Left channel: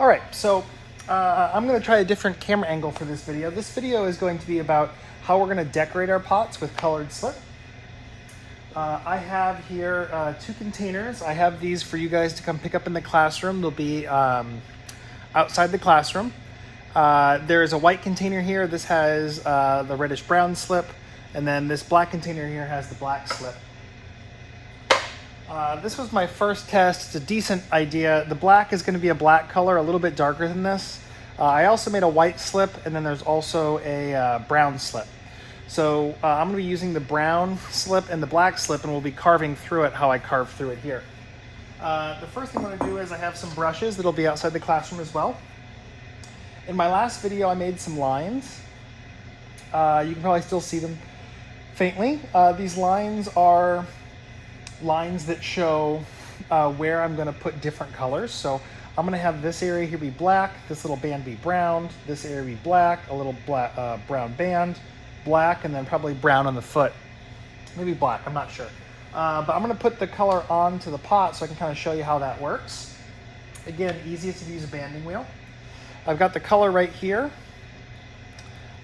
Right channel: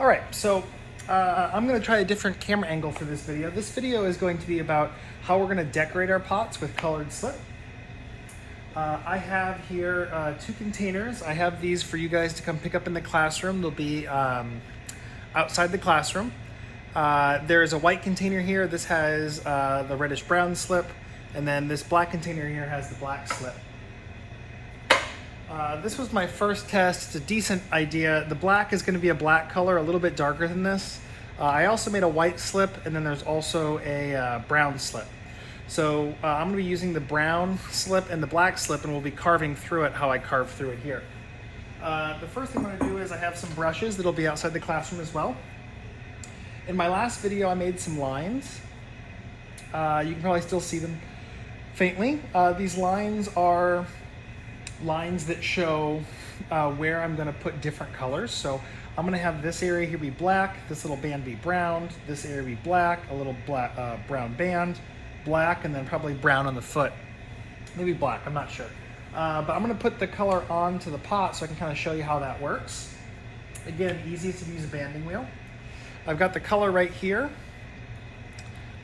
All right, so I'm going to try a different camera angle for this video. This video is going to be about how we're going to decorate our pots with colored slip. I have here 2 containers. I have these for you guys to come pick up in the classroom. They'll be outside the classroom. There's a white container here. This has the reddish brown slip, and then this black container here has the black slip. This was my first test. It's a decent idea. The black is going to be a black color, a little bit darker than this. I also made a white slip, and then there's also a brown slip. So I'm going to be using the brown slip and the black slip, and we'll be carving through it how I carved through it here. The first thing I'm going to do is I have some brushes that'll be outside the classroom as well. In my last video, I made some lines. You can probably still see them faintly. These lines are lines that show where I'm going to put different colors. So I'm going to have this area here be black, this little band be brown, this area be black, a little black, brown band, black, and then probably brown on the foot. Maybe black, I'm not sure. But I'm going to put the color onto the pot so I can kind of show you how that works. Again, easiest to use a banding wheel. I've got the color right here.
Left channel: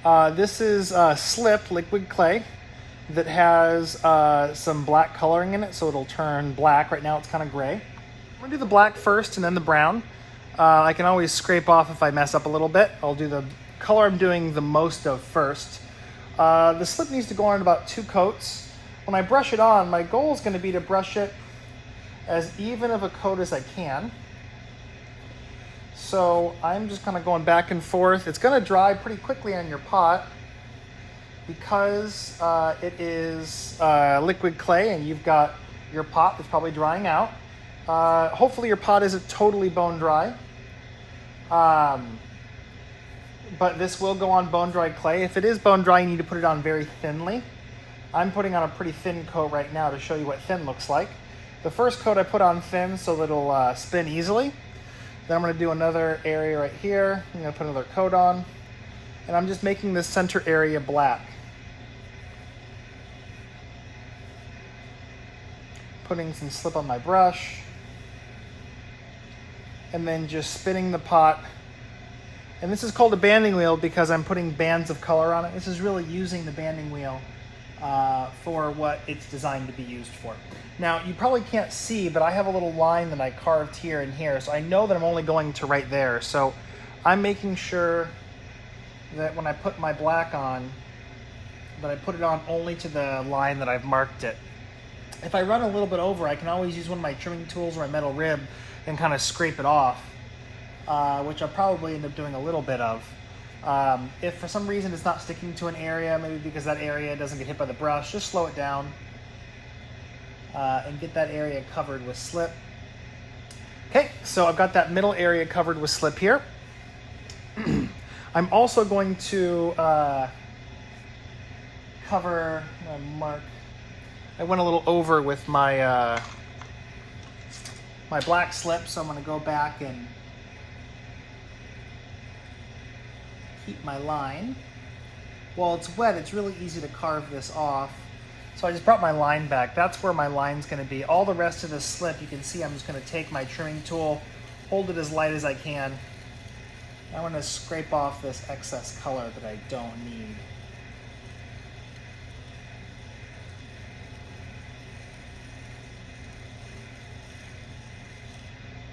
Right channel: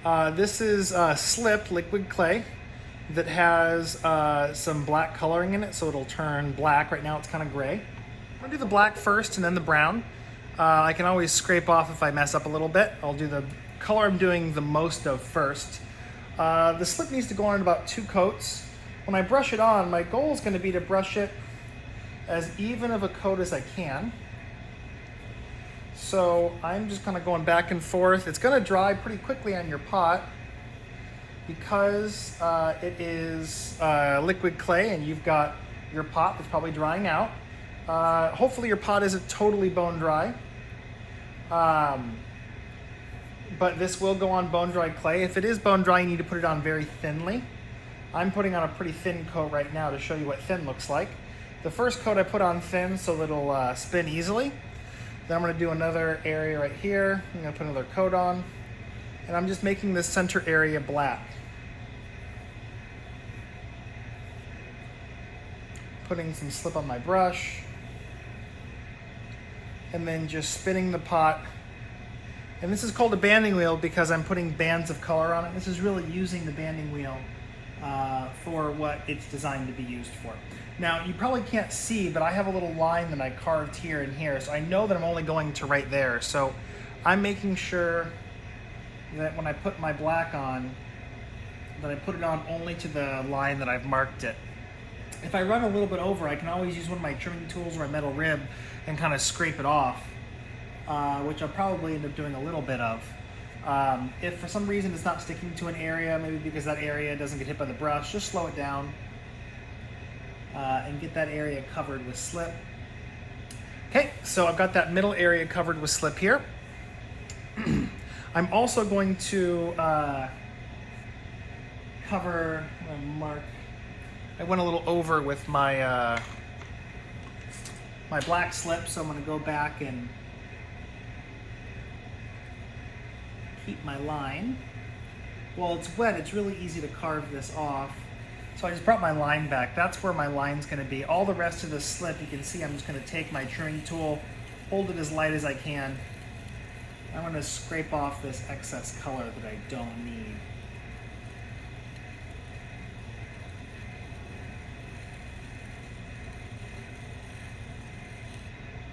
This is slip liquid clay that has some black coloring in it, so it'll turn black. Right now it's kind of gray. I'll do the black first and then the brown. I can always scrape off if I mess up a little bit. I'll do the color I'm doing the most of first. The slip needs to go on about 2 coats. When I brush it on, my goal is going to be to brush it as even of a coat as I can. So I'm just kind of going back and forth. It's going to dry pretty quickly on your pot because it is liquid clay and you've got your pot that's probably drying out. Hopefully your pot isn't totally bone dry. But this will go on bone dry clay. If it is bone dry, you need to put it on very thinly. I'm putting on a pretty thin coat right now to show you what thin looks like. The first coat I put on thin so that it'll spin easily. Then I'm going to do another area right here. I'm going to put another coat on. And I'm just making this center area black. Putting some slip on my brush. And then just spinning the pot. And this is called a banding wheel because I'm putting bands of color on it. This is really using the banding wheel for what it's designed to be used for. Now, you probably can't see, but I have a little line that I carved here and here, so I know that I'm only going to right there. So I'm making sure that when I put my black on, that I put it on only to the line that I've marked it. If I run a little bit over, I can always use one of my trimming tools or my metal rib and kind of scrape it off, which I'll probably end up doing a little bit of. If for some reason it's not sticking to an area, maybe because that area doesn't get hit by the brush, just slow it down and get that area covered with slip. Okay, so I've got that middle area covered with slip here. I'm also going to cover, mark, I went a little over with my, my black slip, so I'm going to go back and keep my line. While it's wet, it's really easy to carve this off. So I just brought my line back. That's where my line's going to be. All the rest of the slip, you can see I'm just going to take my trimming tool, hold it as light as I can. I'm going to scrape off this excess color that I don't need.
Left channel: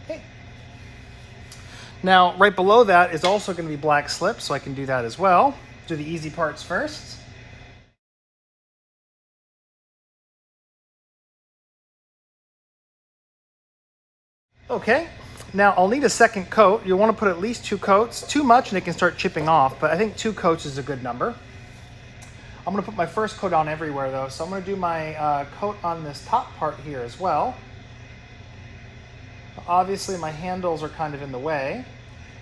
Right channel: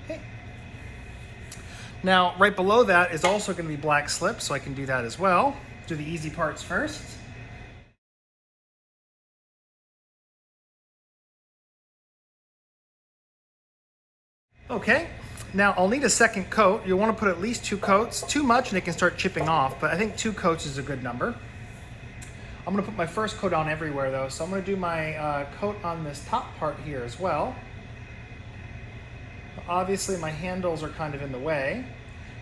Okay. Now, right below that is also going to be black slip, so I can do that as well. Do the easy parts first. Okay, now I'll need a second coat. You'll want to put at least 2 coats. Too much and it can start chipping off, but I think 2 coats is a good number. I'm going to put my first coat on everywhere though, so I'm going to do my coat on this top part here as well. Obviously my handles are kind of in the way.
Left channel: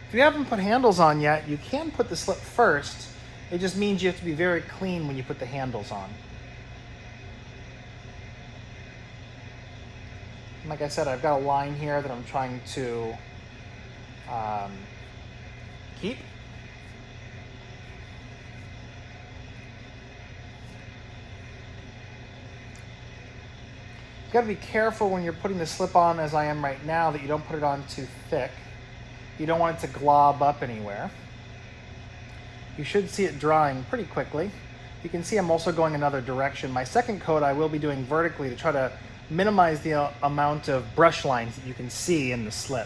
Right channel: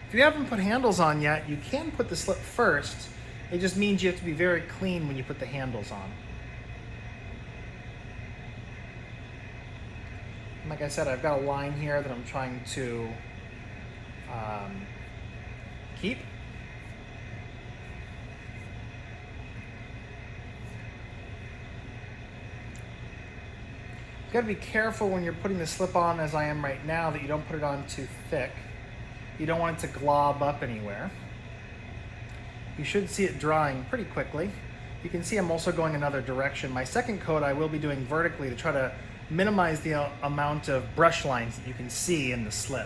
If you haven't put handles on yet, you can put the slip first. It just means you have to be very clean when you put the handles on. And like I said, I've got a line here that I'm trying to keep. You gotta be careful when you're putting the slip on, as I am right now, that you don't put it on too thick. You don't want it to glob up anywhere. You should see it drying pretty quickly. You can see I'm also going another direction. My second coat I will be doing vertically to try to minimize the amount of brush lines that you can see in the slip.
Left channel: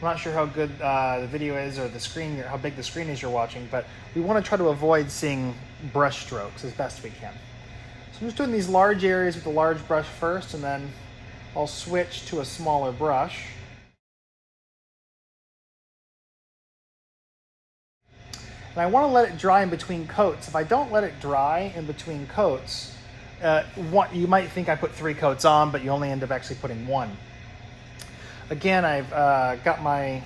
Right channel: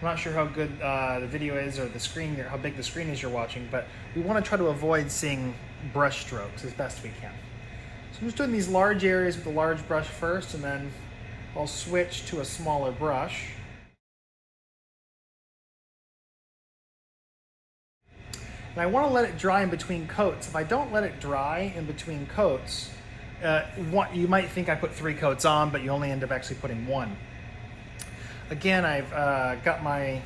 I'm not sure how good the video is or the screen, how big the screen is you're watching, but we want to try to avoid seeing brush strokes as best we can. So I'm just doing these large areas with the large brush first, and then I'll switch to a smaller brush. And I want to let it dry in between coats. If I don't let it dry in between coats, you might think I put 3 coats on, but you only end up actually putting 1. Again, I've got my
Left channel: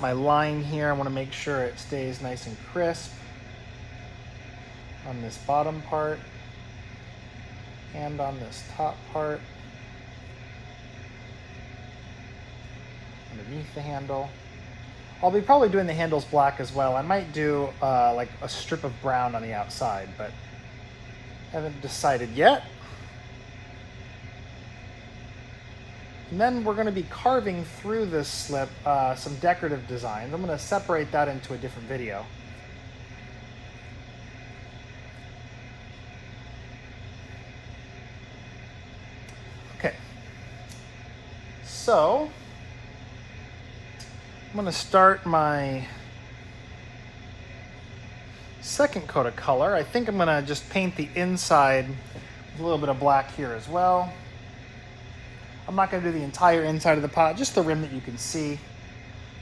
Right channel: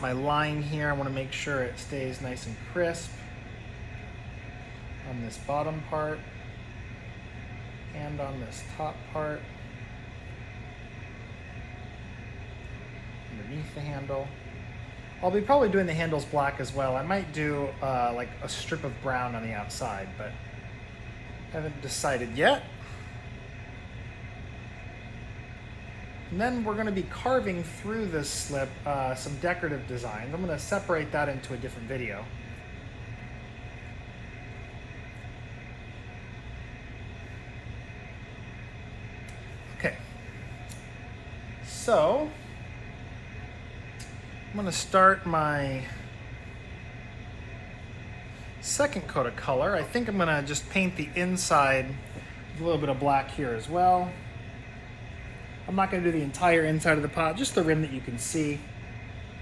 line here. I want to make sure it stays nice and crisp on this bottom part and on this top part, underneath the handle. I'll be probably doing the handles black as well. I might do like a strip of brown on the outside, but I haven't decided yet. And then we're going to be carving through this slip some decorative designs. I'm going to separate that into a different video. Okay, so I'm going to start my second coat of color. I think I'm going to just paint the inside with a little bit of black here as well. I'm not going to do the entire inside of the pot, just the rim that you can see.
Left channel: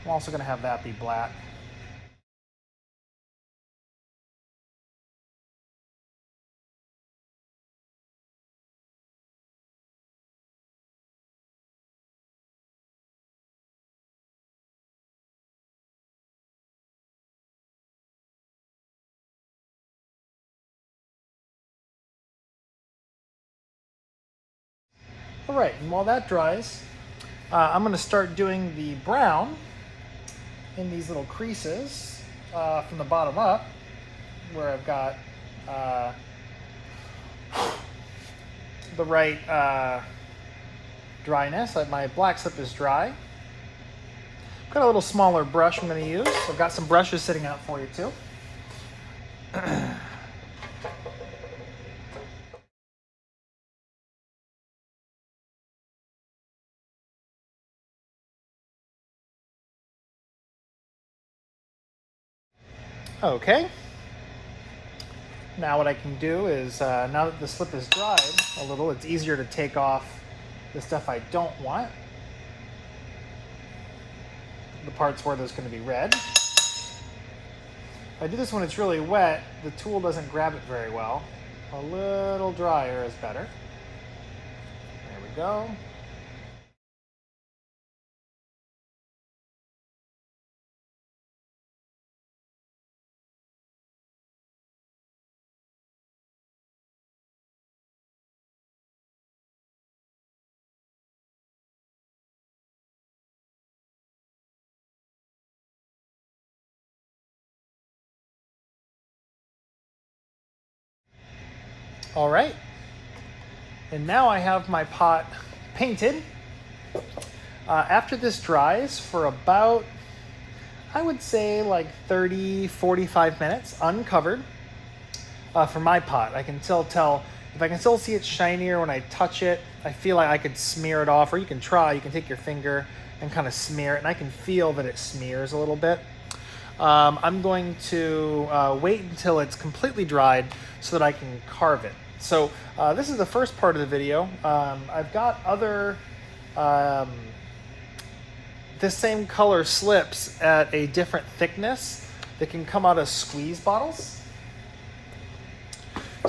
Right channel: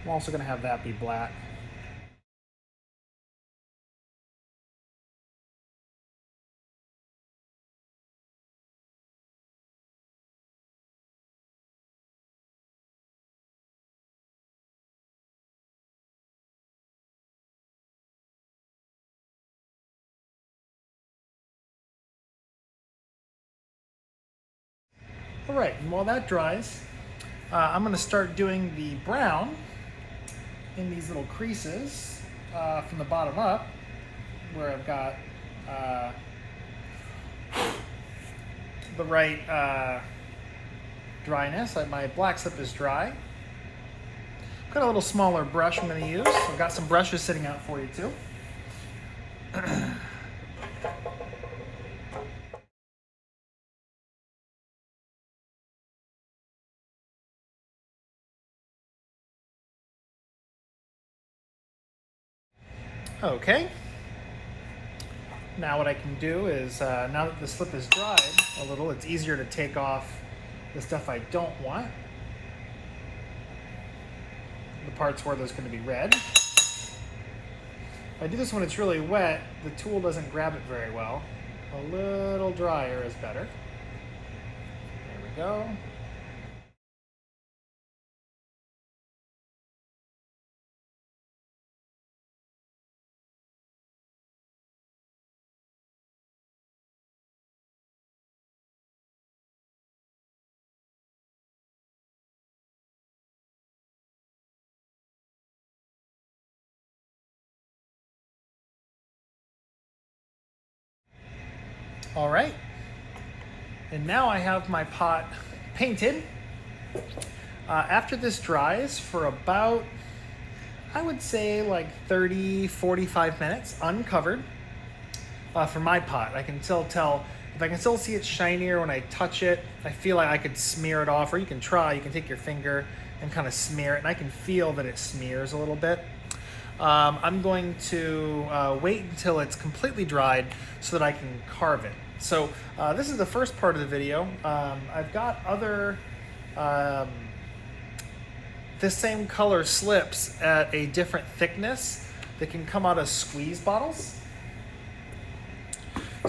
I'm also going to have that be black. All right, and while that dries, I'm going to start doing the brown in these little creases from the bottom up, where I've got the right dryness. My black slip is dry. Got a little smaller brush I'm going to use. I've got some brushes sitting out for you too. Okay, now what I can do is, now that the slip is dried a little, it's easier to take off the stuff I don't want. The parts where there's going to be red. If I do this when it's really wet, the tool doesn't grab it very well. A little drier is better. There we go. All right, and now I have my pot painted. After this dries for about, I would say like 30, 45 minutes uncovered for my pot. I can still tell, if I can still see it's shinier when I touch it, I feel like I could smear it off, or you can try, you can take your finger and kind of smear it, and I can feel that it smears a little bit. I'm going to wait until it's completely dried so that I can carve it. So this is the first part of the video. I've got other this same color slips at a different thickness that can come out of squeeze bottles.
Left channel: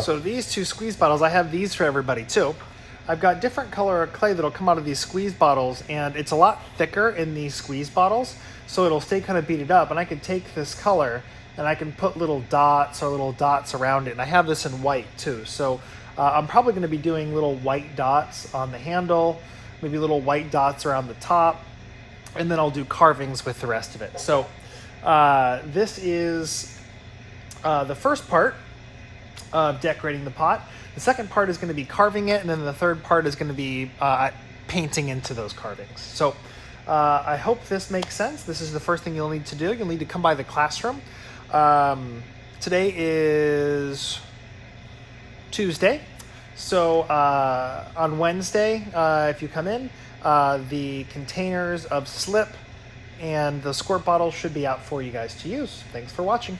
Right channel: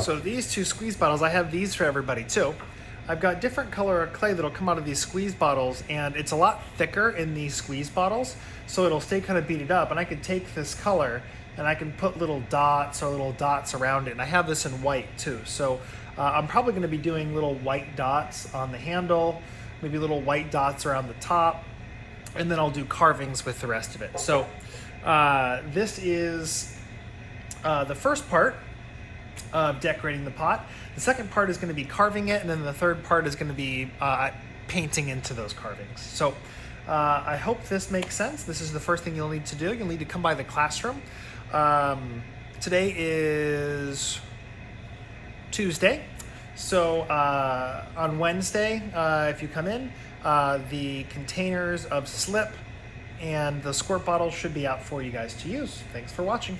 So these 2 squeeze bottles, I have these for everybody too. I've got different color clay that'll come out of these squeeze bottles, and it's a lot thicker in these squeeze bottles, so it'll stay kind of beaded up. And I can take this color and I can put little dots around it. And I have this in white too. So I'm probably going to be doing little white dots on the handle, maybe little white dots around the top, and then I'll do carvings with the rest of it. So this is the first part of decorating the pot. The second part is going to be carving it, and then the third part is going to be painting into those carvings. So I hope this makes sense. This is the first thing you'll need to do. You'll need to come by the classroom. Today is Tuesday. So on Wednesday, if you come in, the containers of slip and the squirt bottle should be out for you guys to use. Thanks for watching.